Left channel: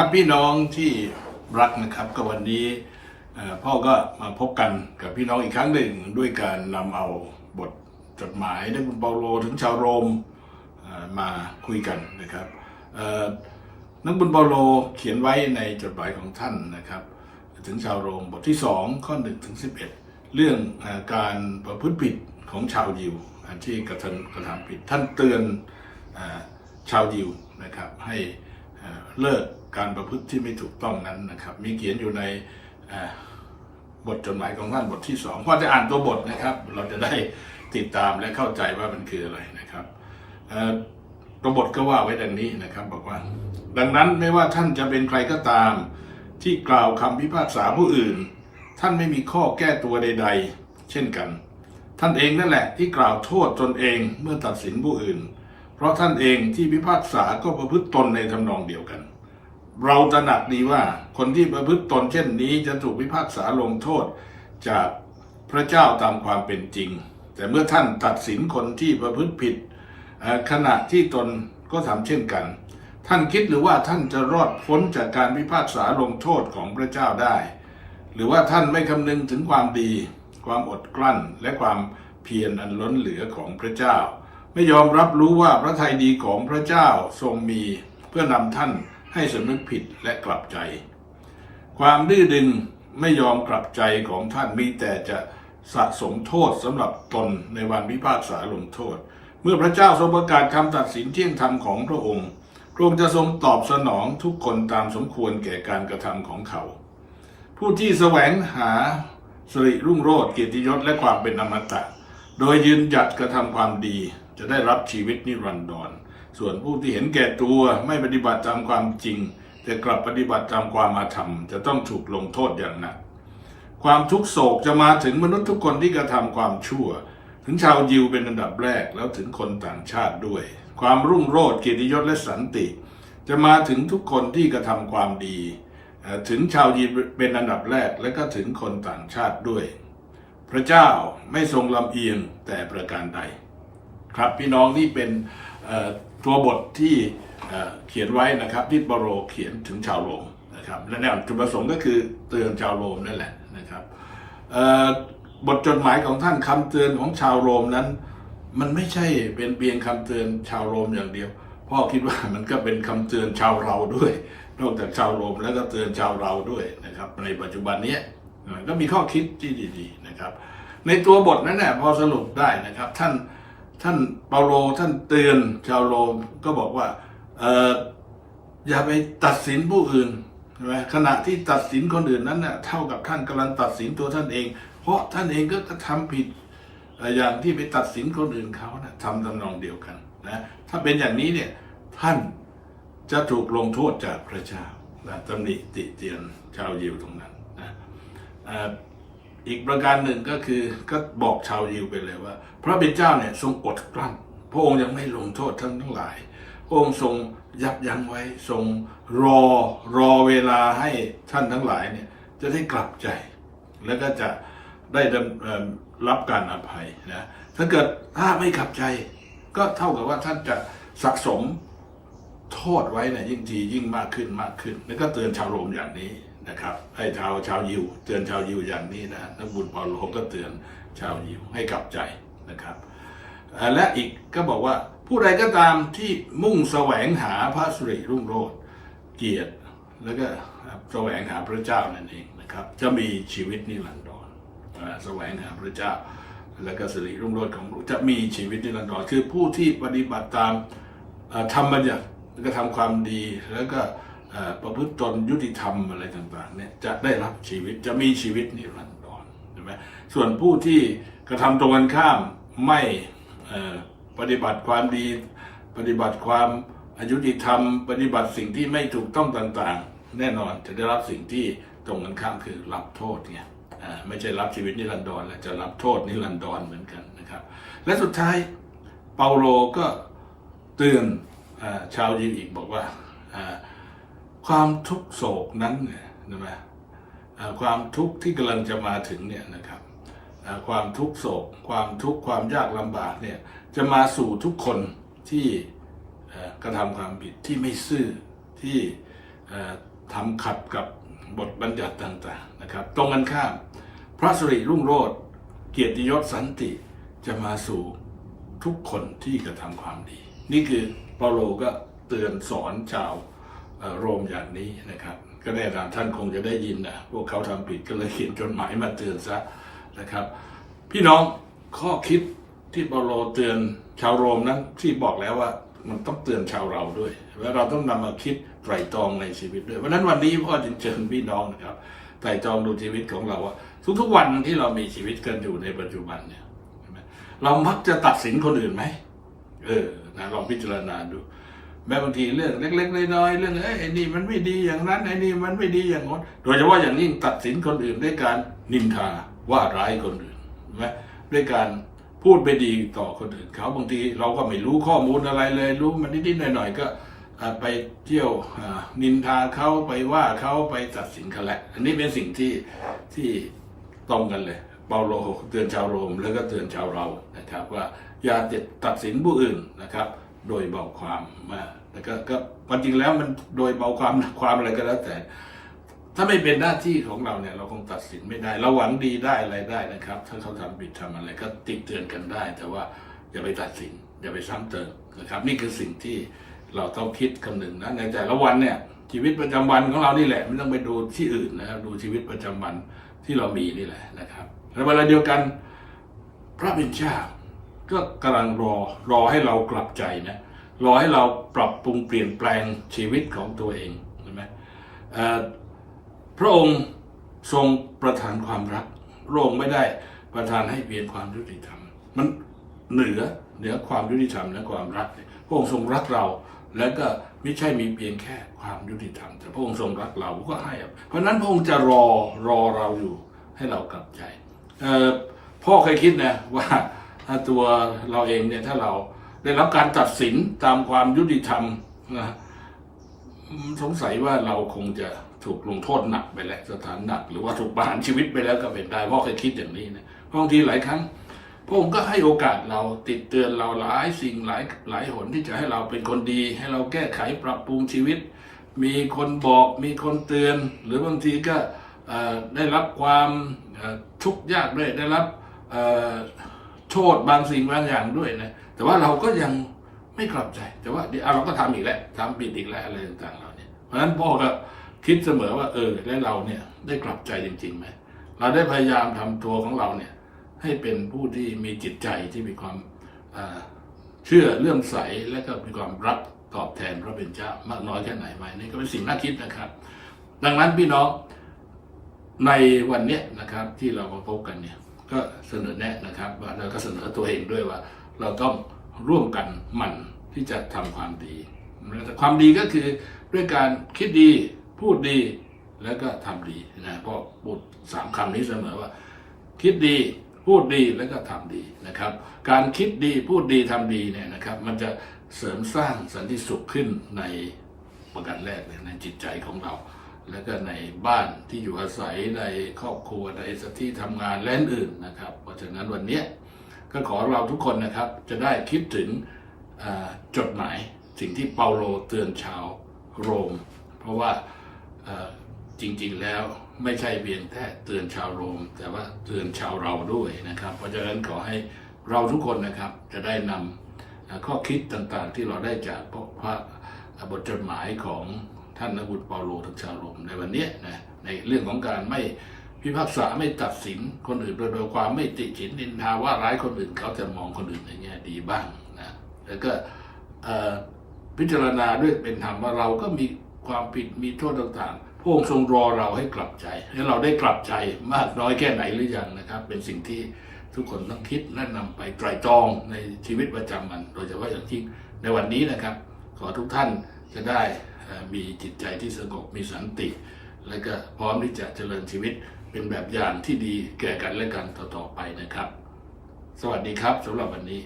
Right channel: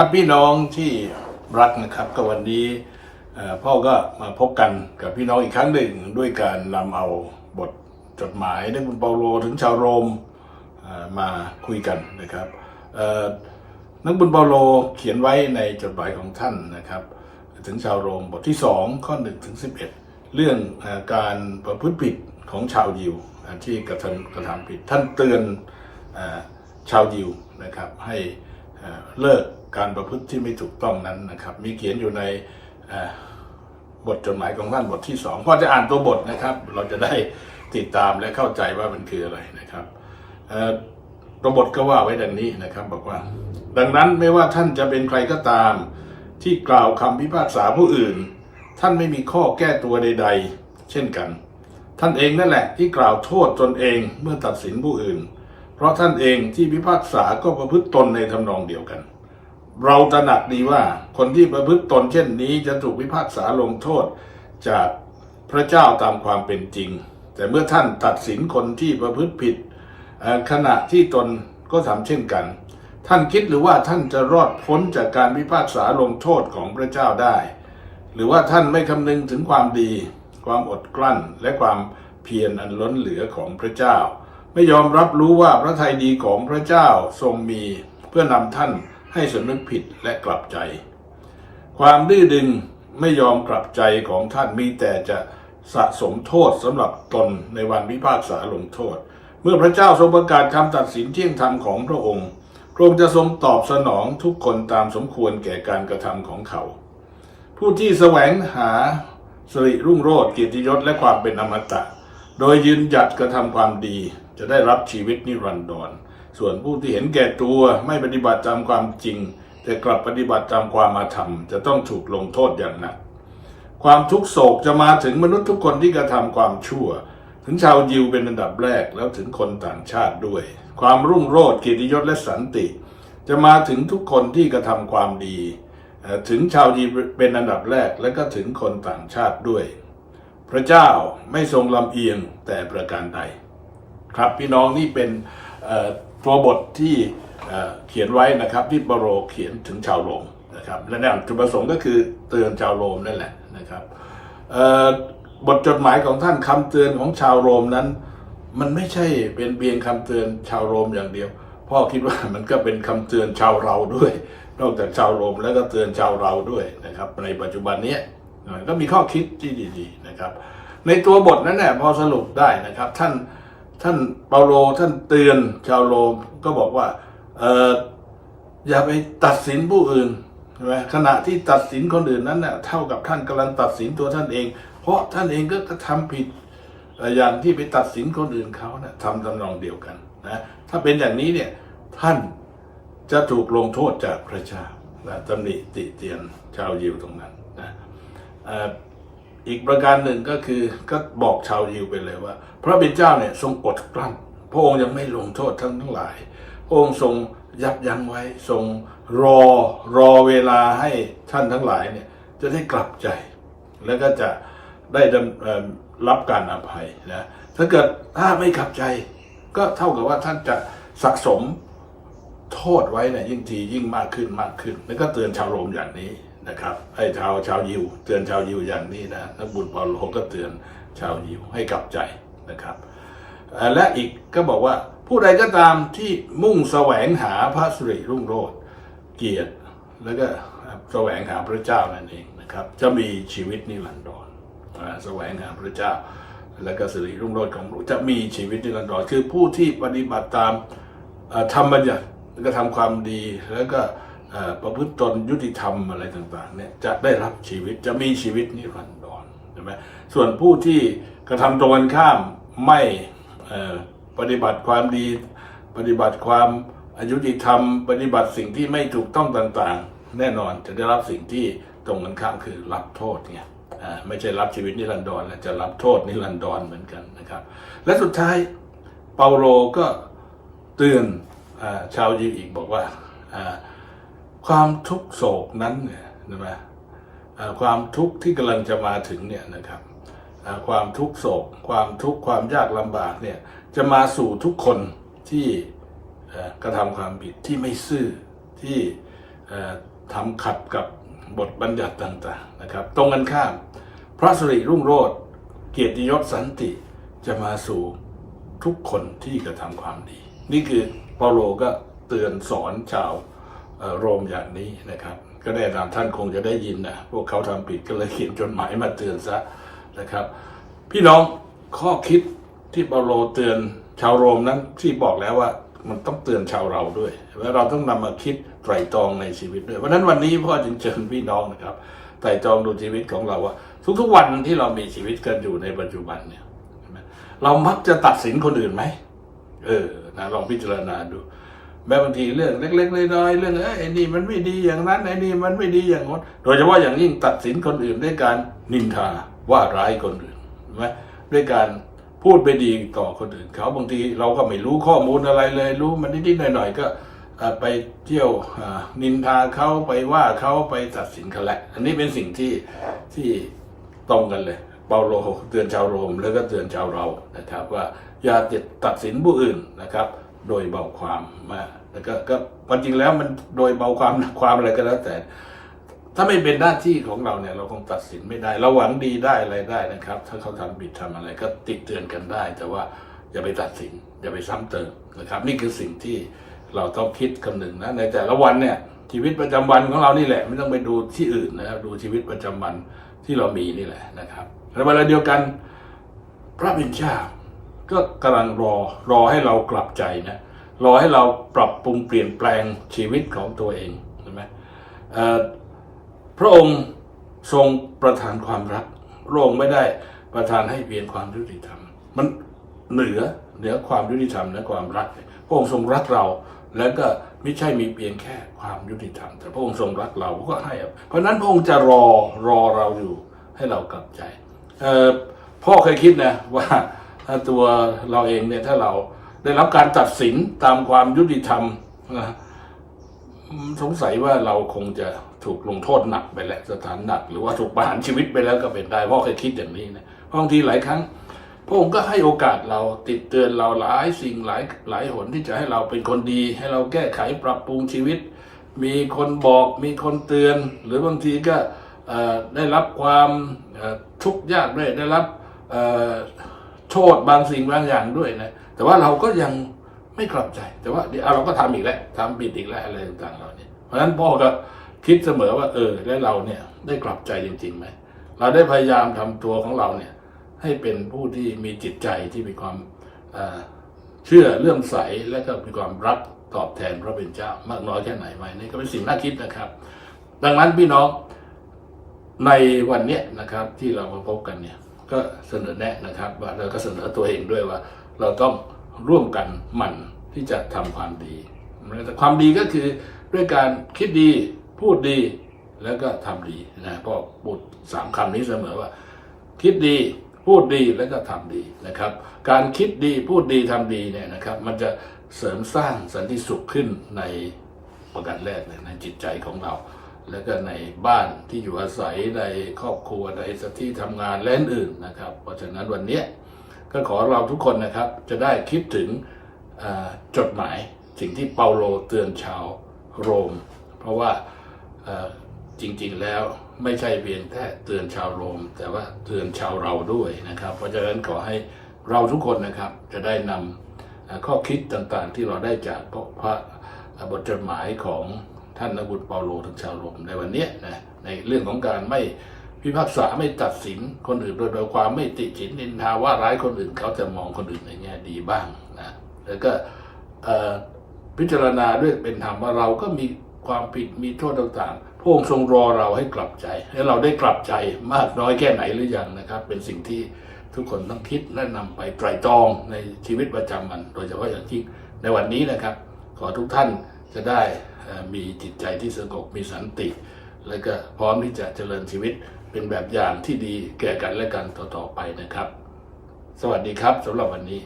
ครับพี่น้องที่รักนะครับก็วันนี้พ่อก็มาพบกันกับพี่น้องอีกครั้งหนึ่งด้วยการนำเอาบทจดหมายนักบุญเปาโลถึงชาวโรมมาคุยกันนะครับนักบุญเปาโลเขียนไว้ในจดหมายของท่านนะครับ ถึงชาวโรมบทที่ 2 ข้อ1ถึง11 เรื่องอการประพฤติผิดของชาวยิวอาที่กระทำกระทำผิดท่านเตือนอชาวยิวนะครับให้ เลิกการประพฤติที่ไม่ถูกต้องนั้นนะครับ มีเขียนอยู่ในบทจดหมายของท่านบทที่สองพอจะอ่านตัวบทนะครับ เราจะได้ติดตามและเข้าใจว่ามันคืออะไรนะครับตัวบทก็ว่าไว้ดังนี้นะครับ บอกว่า ดังนั้นไม่ว่าท่านจะเป็นใครก็ตาม ที่กล่าวคำพิพากษาผู้อื่น ท่านไม่มีข้อแก้ตัวใด ๆ เช่นกัน ท่านเองนั่นแหละ ที่กล่าวโทษตนเองเมื่อตัดสินผู้อื่น เพราะท่านเองที่พิพากษาก็ประพฤติตนในทำนองเดียวกัน เราตระหนักดีว่าคนที่ประพฤติตนเช่นนี้จะถูกพิพากษาลงโทษจากพระเจ้าตามความเป็นจริง แต่เมื่อท่านตัดสินคนที่ประพฤติผิดขณะที่ตนก็ทำเช่นกัน ท่านคิดหรือว่าท่านจะรอดพ้นจากการพิพากษาลงโทษของพระเจ้าได้ หรือว่าท่านไม่คำนึงถึงความดี ความอดกลั้นและความเพียรอันล้นเหลือของพระเจ้า ไม่ยอมรับรู้ว่าพระทัยดีของพระเจ้าทรงมีเพื่อนำท่านให้สำนึกผิดและกลับใจ ความดื้อดึงไม่ยอมกลับใจของท่านมีแต่จะสะสมโทษสำหรับตนในวันพิพากษาลงโทษ เมื่อพระเจ้าทรงประกาศคำตัดสินเที่ยงธรรมของพระองค์พระองค์จะทรงตอบสนองทุกคนตามสมควรแก่การกระทำของเขา ผู้ที่แสวงหาสิริรุ่งโรจน์เกียรติยศและความเป็นอมตะ โดยยืนหยัดกระทำความดี จะได้รับชีวิตนิรันดร ส่วนผู้ที่เห็นแก่ตัวไม่ปฏิบัติตามความจริง แต่กลับปฏิบัติตามความอาธรรมจะต้องถูกลงโทษอย่างหนัก ความทุกโศกจะมาถึงมนุษย์ทุกคนที่กระทำความชั่ว ถึงชาวยิวเป็นอันดับแรกแล้วถึงคนต่างชาติด้วย ความรุ่งโรจน์เกียรติยศและสันติ จะมาถึงทุกคนที่กระทำความดี ถึงชาวยิวเป็นอันดับแรกและก็ถึงคนต่างชาติด้วย พระเจ้าไม่ทรงลำเอียงแต่ประการใด ครับพี่น้องนี่เป็นตัวบทที่เขียนไว้นะครับที่เปโรเขียนถึงชาวโรมนะครับและแนวจุดประสงค์ก็คือเตือนชาวโรมนั่นแหละนะครับบทจดหมายของท่านคำเตือนของชาวโรมนั้น มันไม่ใช่เป็นเพียงคำเตือนชาวโรมอย่างเดียว พ่อคิดว่ามันก็เป็นคำเตือนชาวเราด้วย นอกจากชาวโรมแล้วก็เตือนชาวเราด้วยนะครับ ในปัจจุบันนี้ก็มีข้อคิดที่ดี ๆนะครับ ในตัวบทนั้นเนี่ยพอสรุปได้นะครับ ท่าน ท่านเปาโลท่านเตือนชาวโรมก็บอกว่าเอออย่าไปตัดสินผู้อื่นใช่ไหมขณะที่ตัดสินคนอื่นนั้นเน่ยเท่ากับท่านกำลังตัดสินตัวท่านเอง เพราะท่านเองก็กระทำผิดอย่างที่ไปตัดสินคนอื่นเขานะทำทำนองเดียวกันนะถ้าเป็นอย่างนี้เนี่ยท่านจะถูกลงโทษจากพระเจ้านะตำหนิติเตียนชาวยิวตรงนั้นนะเอีกประการหนึ่งก็คือก็บอกชาวยิวไปเลยว่า พระเป็นเจ้าเนี่ยทรงอดกลั้น พระองค์ยังไม่ลงโทษทั้งทั้งหลาย พระองค์ทรงยับยั้งไว้ทรงรอรอเวลาให้ท่านทั้งหลายเนี่ยจะได้กลับใจ แล้วก็จะได้รับการอภัยนะถ้าเกิดถ้าไม่กลับใจ ก็เท่ากับว่าท่านจะสะสมโทษไว้เนี่ยยิ่งทียิ่งมากขึ้นมากขึ้น แล้วก็เตือนชาวโรมอย่างนี้ นะครับ ให้ชาวชาวยิวเตือนชาวยิวอย่างนี้นะนักบุญเปาโลก็เตือนชาวยิวให้กลับใจนะครับ และอีกก็บอกว่าผู้ใดก็ตามที่มุ่งแสวงหาพระสุริรุ่งโรจน์เกียรติ แล้วก็แสวงหาพระเจ้านั่นเองนะครับ จะมีชีวิตนิรันดรแสวงหาพระเจ้า แล้วก็สิริรุ่งโรจน์ของพระจะมีชีวิตนิรันดรคือผู้ที่ปฏิบัติตามธรรมบัญญัติแล้วก็ทำความดีแล้วก็ ประพฤติตนยุติธรรมอะไรต่างๆเนี่ยจะได้รับชีวิตจะมีชีวิตนิรันดรใช่ไหมส่วนผู้ที่กระทำตรงกันข้ามไม่ปฏิบัติความดี ปฏิบัติความอายุติธรรม ปฏิบัติสิ่งที่ไม่ถูกต้องต่างๆ แน่นอนจะได้รับสิ่งที่ตรงกันข้ามคือรับโทษเนี่ยไม่ใช่รับชีวิตนิรันดรและจะรับโทษนิรันดรเหมือนกันนะครับ และสุดท้ายเปาโลก็เตือนอชาวยิวอีกบอกว่า ความทุกโศกนั้นเนี่ยนะอ่าความทุกข์ที่กำลังจะมาถึงเนี่ยนะครับความทุกโศก ความทุกข์ความยากลำบากเนี่ยจะมาสู่ทุกคนที่กระทำความผิดที่ไม่ซื่อที่เอ่อทำขัดกับบทบัญญัติต่างๆนะครับ ตรงกันข้าม พระสิริรุ่งโรจน์เกียรติยศสันติจะมาสู่ทุกคนที่กระทำความดี นี่คือเปาโลก็เตือนสอนชาว โรมอย่างนี้นะครับ ก็แน่นอนท่านคงจะได้ยินนะพวกเขาทำผิดก็เลยเขียนจดหมายมาเตือนซะนะครับ พี่น้องข้อคิดที่เปาโลเตือนชาวโรมนั้นที่บอกแล้วว่ามันต้องเตือนชาวเราด้วยว่าเราต้องนำมาคิดไตรตรองในชีวิตด้วยเพราะนั้นวันนี้พ่อจึงเชิญพี่น้องนะครับไตรตรองดูชีวิตของเราว่า ทุกๆวันที่เรามีชีวิตกันอยู่ในปัจจุบันเนี่ยเรามักจะตัดสินคนอื่นไหมเออนะลองพิจารณาดู แม้บางทีเรื่องเล็กๆน้อยๆเรื่องเอ้ยไอ้นี่มันไม่ดีอย่างนั้นไอ้นี่มันไม่ดีอย่างนั้นโดยเฉพาะอย่างยิ่งตัดสินคนอื่นด้วยการนินทาว่าร้ายคนอื่นไหมด้วยการพูดไปดีต่อคนอื่นเขาบางทีเราก็ไม่รู้ข้อมูลอะไรเลย รู้มันนิดๆหน่อยๆก็ไปเที่ยวนินทาเขาไปว่าเขาไปตัดสินเขาแหละ อันนี้เป็นสิ่งที่ที่ตรงกันเลยเปาโลเตือนชาวโรมแล้วก็เตือนชาวเรานะครับ ว่าอย่าตัดสินผู้อื่นนะครับ โดยเบาความมาแล้วก็ก็ความจริงแล้วมันโดยเบาความความอะไรก็แล้วแต่ ถ้าไม่เป็นหน้าที่ของเราเนี่ย เราคงตัดสินไม่ได้เราหวังดีได้อะไรได้นะครับ ถ้าเขาทำผิดทำอะไรก็ติเตือนกันได้ แต่ว่าอย่าไปตัดสิน อย่าไปซ้ำเติมนะครับ นี่คือสิ่งที่เราต้องคิดคำนึงนะในแต่ละวันเนี่ยชีวิตประจำวันของเรานี่แหละ ไม่ต้องไปดูที่อื่นนะครับดูชีวิตประจำวันที่เรามีนี่แหละนะครับและเวลาเดียวกัน พระบิดาเจ้า ก็กำลังรอรอให้เรากลับใจนะรอให้เราปรับปรุงเปลี่ยนแปลงชีวิตของตัวเองใช่ไหมพระองค์ทรงประทานความรักพระองค์ไม่ได้ประทานให้เพียงความยุติธรรม มันเหนือเหนือความยุติธรรมและความรัก พระองค์ทรงรักเรา แล้วก็ไม่ใช่มีเพียงแค่ความยุติธรรม แต่พระองค์ทรงรักเราก็ให้ เพราะนั้นพระองค์จะรอรอเราอยู่ให้เรากลับใจพ่อเคยคิดนะว่า ถ้าตัวเราเองเนี่ยถ้าเราได้รับการตัดสินตามความยุติธรรมนะสงสัยว่าเราคงจะถูกลงโทษหนักไปแหละสถานหนัก หรือว่าถูกประหารชีวิตไปแล้วก็เป็นได้พ่อเคยคิดอย่างนี้นะเพราะบางทีหลายครั้งพระองค์ก็ให้โอกาสเราติดเตือนเราหลายสิ่งหลายหลายหนที่จะให้เราเป็นคนดี ให้เราแก้ไขปรับปรุงชีวิต มีคนบอกมีคนเตือน หรือบางทีก็ได้รับความทุกข์ยากด้วยได้รับ โทษบางสิ่งบางอย่างด้วยนะ แต่ว่าเราก็ยังไม่กลับใจ แต่ว่าเดี๋ยวเราก็ทำอีกแล้วทำผิดอีกแล้วอะไรต่างๆเราเนี่ย เพราะฉะนั้นพ่อก็คิดเสมอว่าเออแล้วเราเนี่ยได้กลับใจจริงๆไหมเราได้พยายามทำตัวของเราเนี่ย ให้เป็นผู้ที่มีจิตใจที่มีความเชื่อเลื่อมใสและก็มีความรักตอบแทนพระเป็นเจ้ามากน้อยแค่ไหนไหมนี่ก็เป็นสิ่งน่าคิดนะครับ ดังนั้นพี่น้องในวันเนี้ยนะครับที่เรามาพบกันเนี่ย ก็เสนอแนะนะครับว่าเราก็เสนอตัวเองด้วยว่า เราต้องร่วมกันหมั่นที่จะทำความดีแต่ความดีก็คือด้วยการคิดดีพูดดีแล้วก็ทำดีนะเพราะพูดสามคำนี้เสมอว่า คิดดีพูดดีแล้วก็ทำดีนะครับ การคิดดีพูดดีทำดีเนี่ยนะครับ มันจะเสริมสร้างสันติสุขขึ้นในประการแรกเลยในจิตใจของเรา แล้วก็ในบ้านที่อยู่อาศัยในครอบครัวในสถานที่ทำงานและอื่นนะครับ เพราะฉะนั้นวันนี้ก็ขอเราทุกคนนะครับจะได้คิดถึงจดหมายสิ่งที่เปาโลเตือนชาวโรม เพราะว่าจริงๆแล้วไม่ใช่เพียงแค่เตือนชาวโรม แต่ว่าเตือนชาวเราด้วยนะครับ เพราะฉะนั้นขอให้เราทุกคนนะครับจะได้นำข้อคิดต่างๆที่เราได้จากพระบทจดหมายของ ท่านนบุตรเปาโลถึงชาวโรมในวันนี้นะในเรื่องของการไม่พิพากษาไม่ตัดสินคนอื่นโดยโดยความไม่ติฉินนินทาว่าร้ายคนอื่นเขาจะมองคนอื่นในแง่ดีบ้างนะแล้วก็พิจารณาด้วยเป็นธรรมว่าเราก็มีความผิดมีโทษต่างๆพระองค์ทรงรอเราให้กลับใจ ให้เราได้กลับใจมากน้อยแค่ไหนหรือยังนะครับ เป็นสิ่งที่ทุกคนต้องคิดและนำไปไตร่ตรองในชีวิตประจำวัน โดยเฉพาะอย่างยิ่งในวันนี้นะครับ ขอทุกท่านจะได้ มีจิตใจที่สงบมีสันติ และก็พร้อมที่จะเจริญชีวิตเป็นแบบอย่างที่ดีแก่กันและกันต่อๆไปนะครับ สวัสดีครับสำหรับวันนี้